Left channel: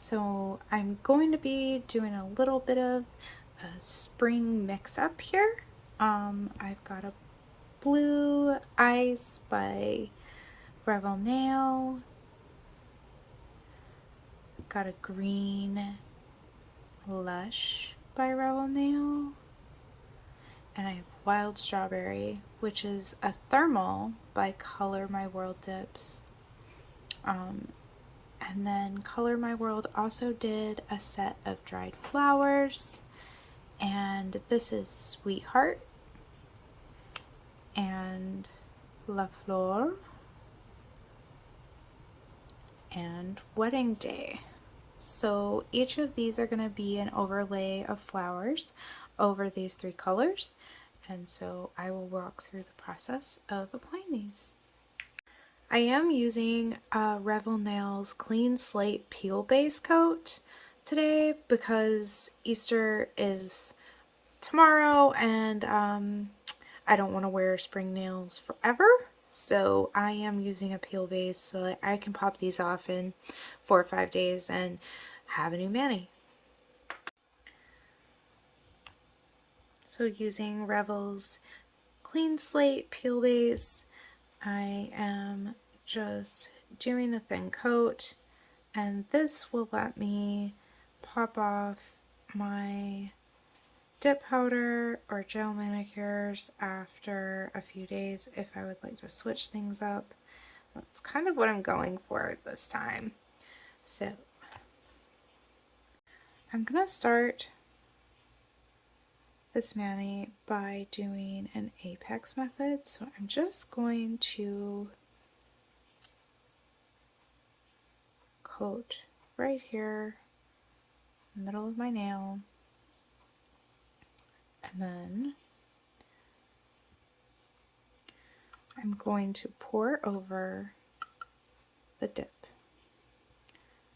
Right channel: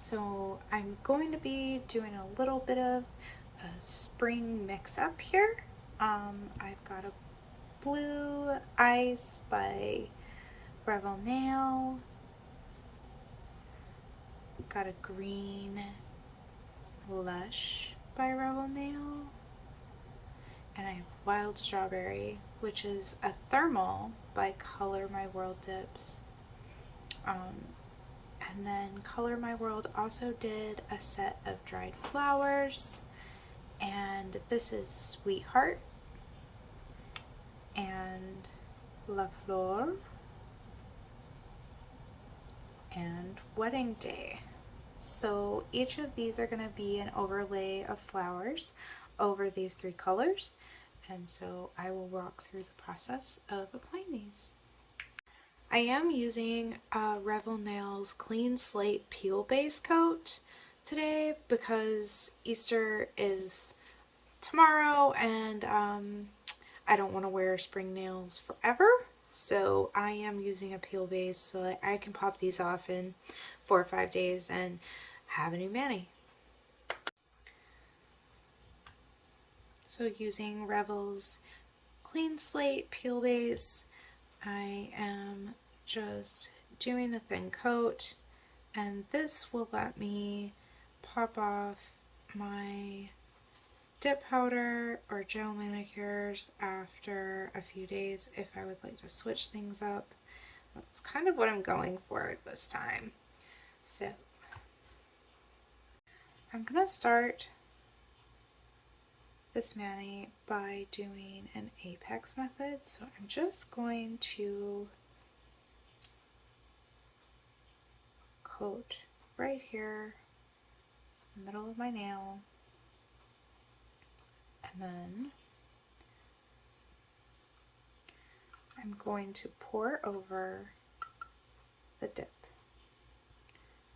So I'm going to be doing a little bit of a spring mix-up here. I've got a blue ice by Revel Nail, got a green lush by Revel Nail, and I have wild strawberry, which is a thermal by Color My World Dips. And then Color My World also did a set of dried flowers, and this is Sweetheart and La Flor and Wedding Day. So each of these are going to be an overlay of flowers over these three colors, and so I will walk through the process of applying these. I am using Revel Nails Clean Slate Peel Base Coat today because Easter is tomorrow and I don't want to wear spring nails forever. So I am using a peel base so that I can pop these off in 4 or 5 days and have a new mani. So using Revel's Clean Slate Peel Base, I am just doing a thin coat, and this will let me pop off my dip powder or gel manicures after a few days if I would like to switch things up. That's kind of what I'm going for this time. So I'm gonna start this mani by doing an apex method. So I'm just going to coat right here, middle of my nail, and then I'm going to pour over the dip,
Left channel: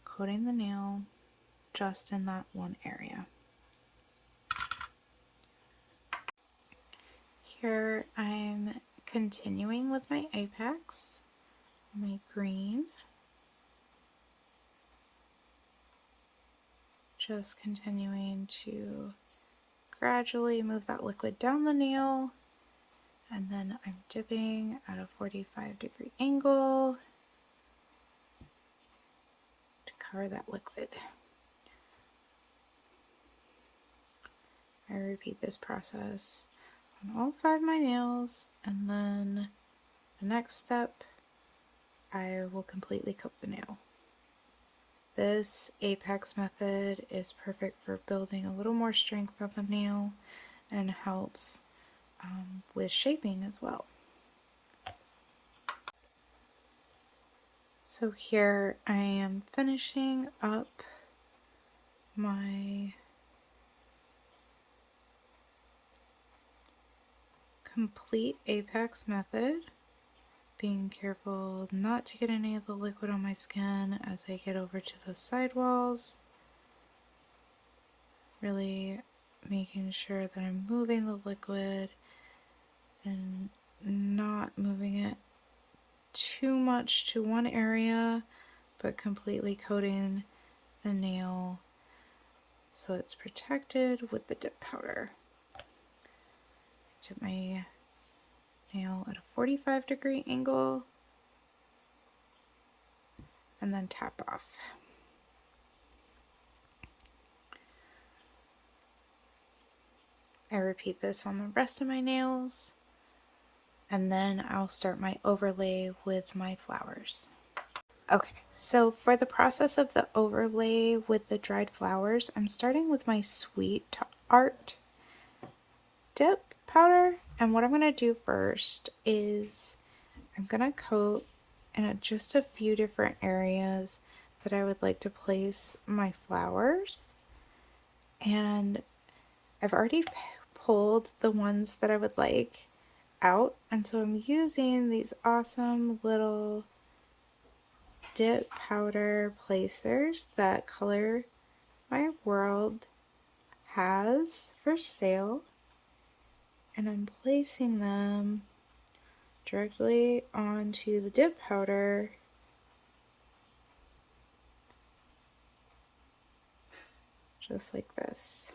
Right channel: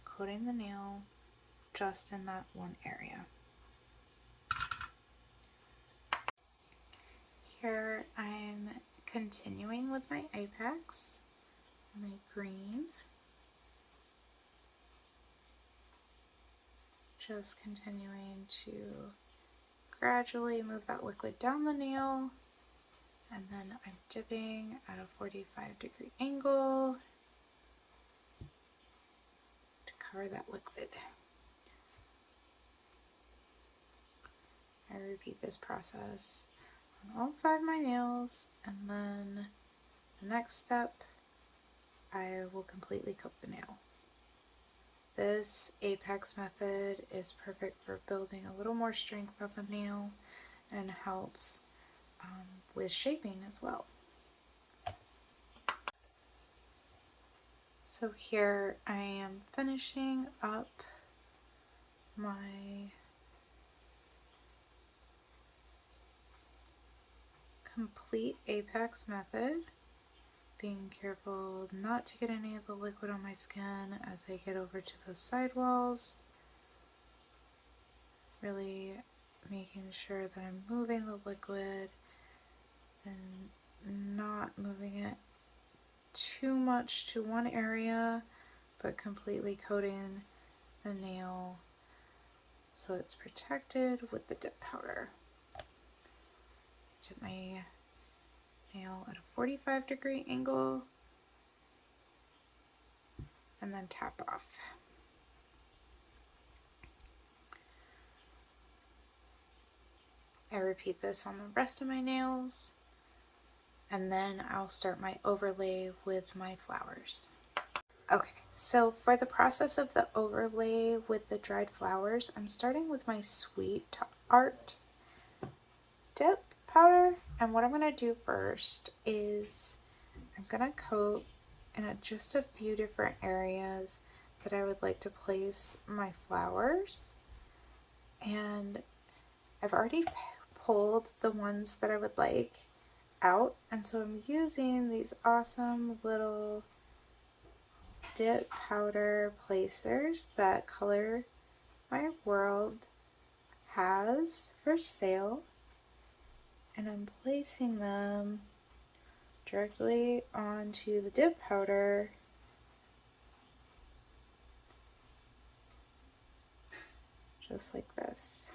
coating the nail just in that one area. Here I'm continuing with my apex, my green, just continuing to gradually move that liquid down the nail, and then I'm dipping at a 45-degree angle to cover that liquid. I repeat this process on all 5 of my nails, and then the next step I will completely coat the nail. This apex method is perfect for building a little more strength on the nail and helps with shaping as well. So here I am finishing up my complete apex method, being careful not to get any of the liquid on my skin as I get over to those side walls. Really making sure that I'm moving the liquid and not moving it too much to one area, but completely coating the nail so it's protected with the dip powder. Dip my nail at a 45-degree angle and then tap off. I repeat this on the rest of my nails, and then I'll start my overlay with my flowers. Okay, so for the process of the overlay with the dried flowers, I'm starting with my Sweetart dip powder, and what I'm going to do first is I'm going to coat in just a few different areas that I would like to place my flowers, and I've already pulled the ones that I would like out, and so I'm using these awesome little dip powder placers that Color My World has for sale, and I'm placing them directly onto the dip powder just like this,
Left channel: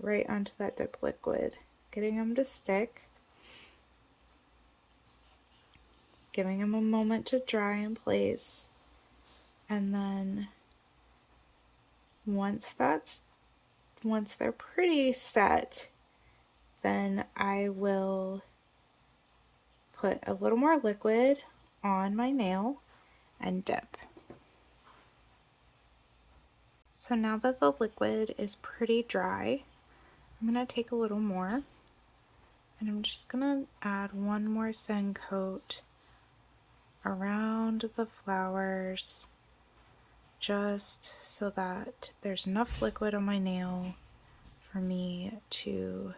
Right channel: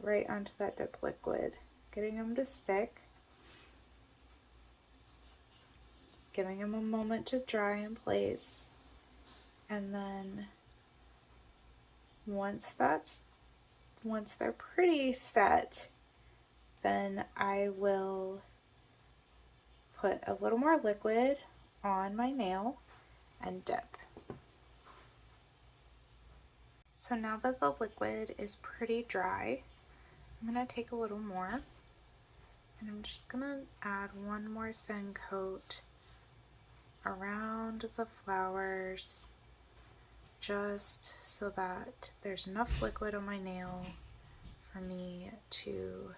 right onto that dip liquid, getting them to stick, giving them a moment to dry in place, and then once they're pretty set, then I will put a little more liquid on my nail and dip. So now that the liquid is pretty dry, I'm going to take a little more and I'm just going to add one more thin coat around the flowers, just so that there's enough liquid on my nail for me to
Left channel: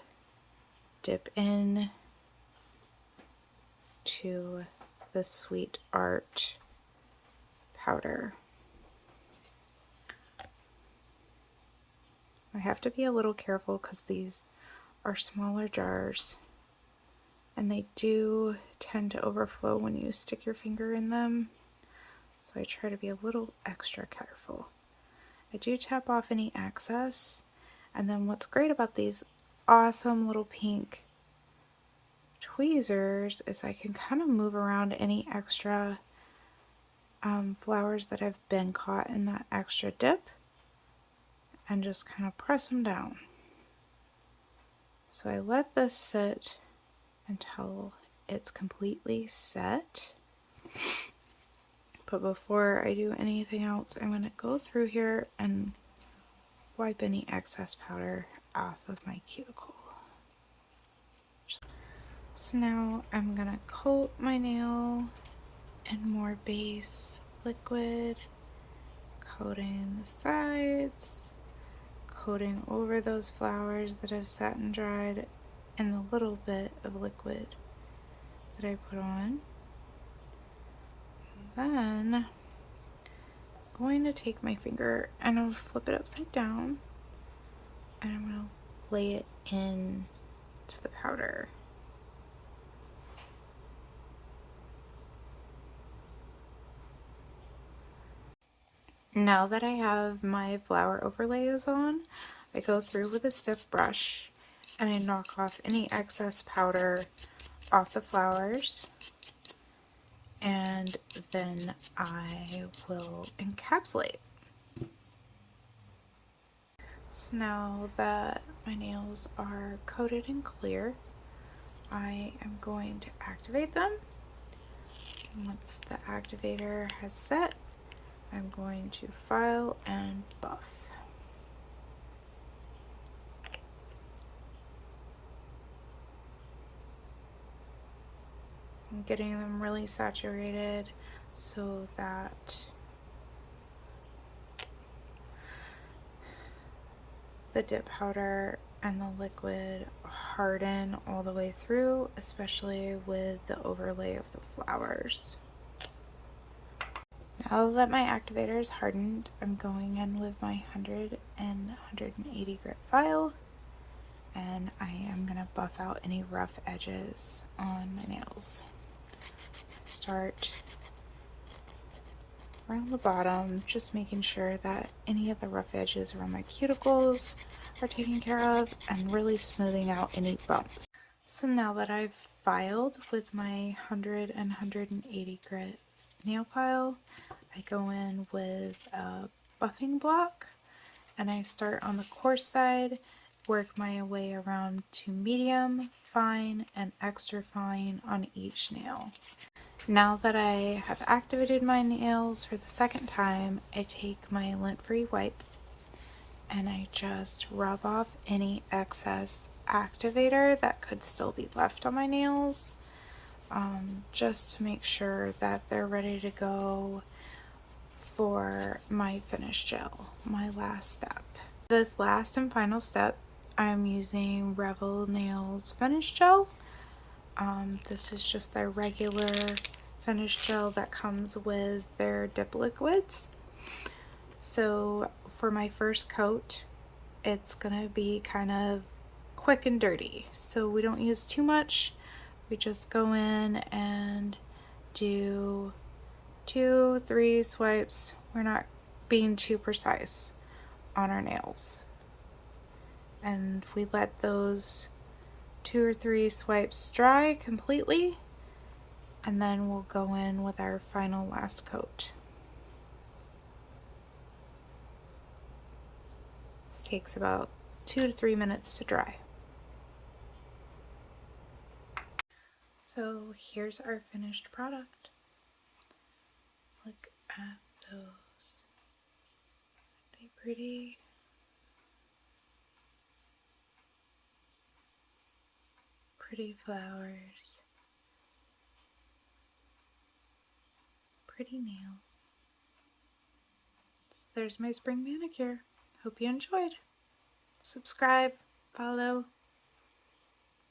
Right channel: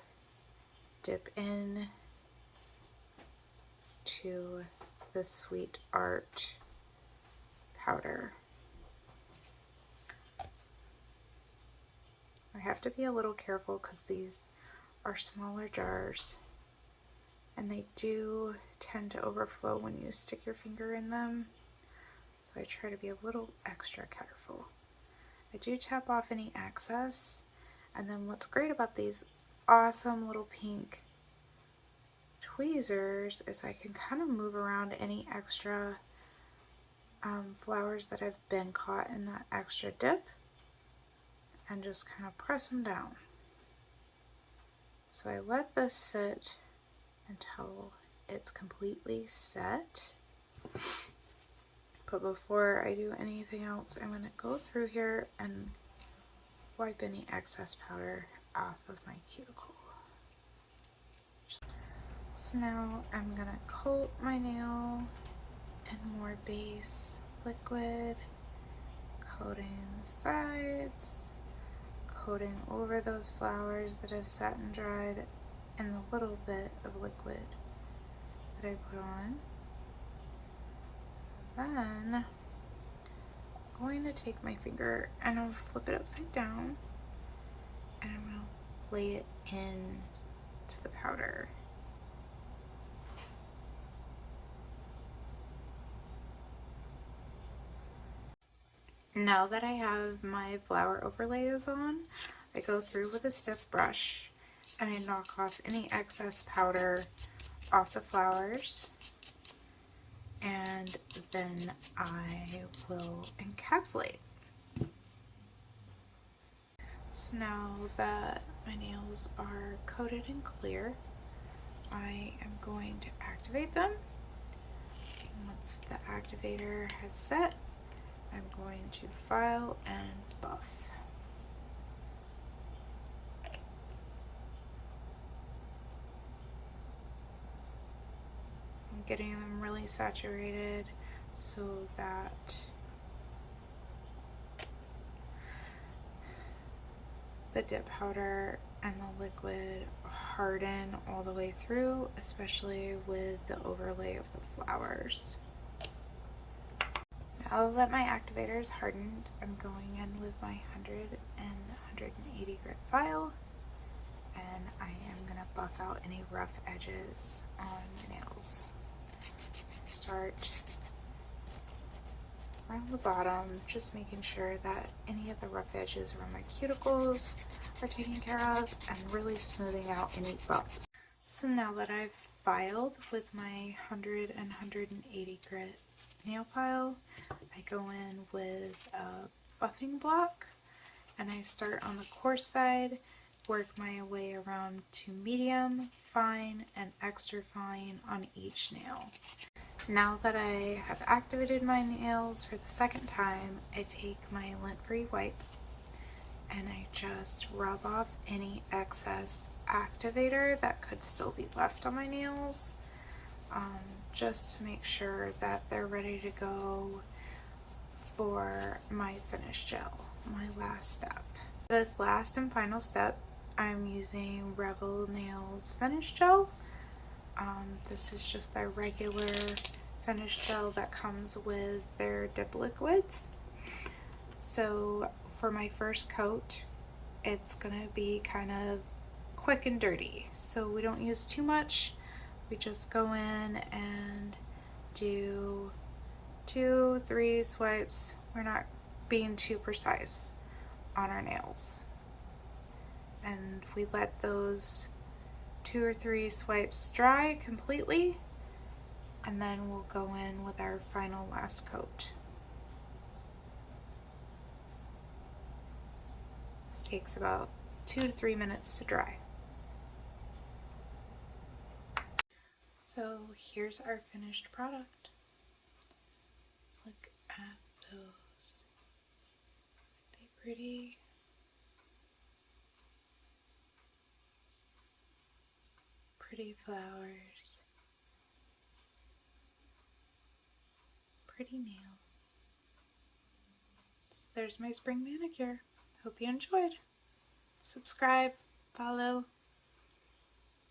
dip in to the Sweetart powder. I have to be a little careful because these are smaller jars and they do tend to overflow when you stick your finger in them, so I try to be a little extra careful. I do tap off any excess, and then what's great about these awesome little pink tweezers is I can kind of move around any extra flowers that have been caught in that extra dip and just kind of press them down. So I let this sit until it's completely set. But before I do anything else, I'm going to go through here and wipe any excess powder off of my cuticle. So now I'm going to coat my nail in more base liquid, coating the sides, coating over those flowers that have sat and dried, and a little bit of liquid that I put on. Then I'm going to take my finger and I'll flip it upside down and I'm going to lay it in to the powder. Now that I have my flower overlays on, I go through with a stiff brush and I knock off any excess powder off the flowers, and then I will encapsulate. So now that my nails are coated and clear, I am going to activate them. Once the activator has set, I'm going to file and buff. I'm getting them really saturated so that the dip powder and the liquid harden all the way through, especially with the overlay of the flowers. Now that my activator is hardened, I'm going in with my 100 and 180 grit file, and I am going to buff out any rough edges on my nails. Start around the bottom, just making sure that any of the rough edges around my cuticles are taken care of, and really smoothing out any bumps. So now that I've filed with my 100 and 180 grit nail file, I go in with a buffing block and I start on the coarse side, work my way around to medium, fine, and extra fine on each nail. Now that I have activated my nails for the second time, I take my lint-free wipe and I just rub off any excess activator that could still be left on my nails, just to make sure that they're ready to go for my finish gel, my last step. This last and final step, I'm using Revel Nails finish gel. This is just their regular finish gel that comes with their dip liquids. So for my first coat, it's gonna be kind of quick and dirty, so we don't use too much. We just go in and do 2-3 swipes. We're not being too precise on our nails. And we let those 2 or 3 swipes dry completely, and then we'll go in with our final last coat. This takes about 2 to 3 minutes to dry. So here's our finished product. Look at those. Aren't they pretty? Pretty flowers. Pretty nails. So there's my spring manicure. Hope you enjoyed. Subscribe, follow,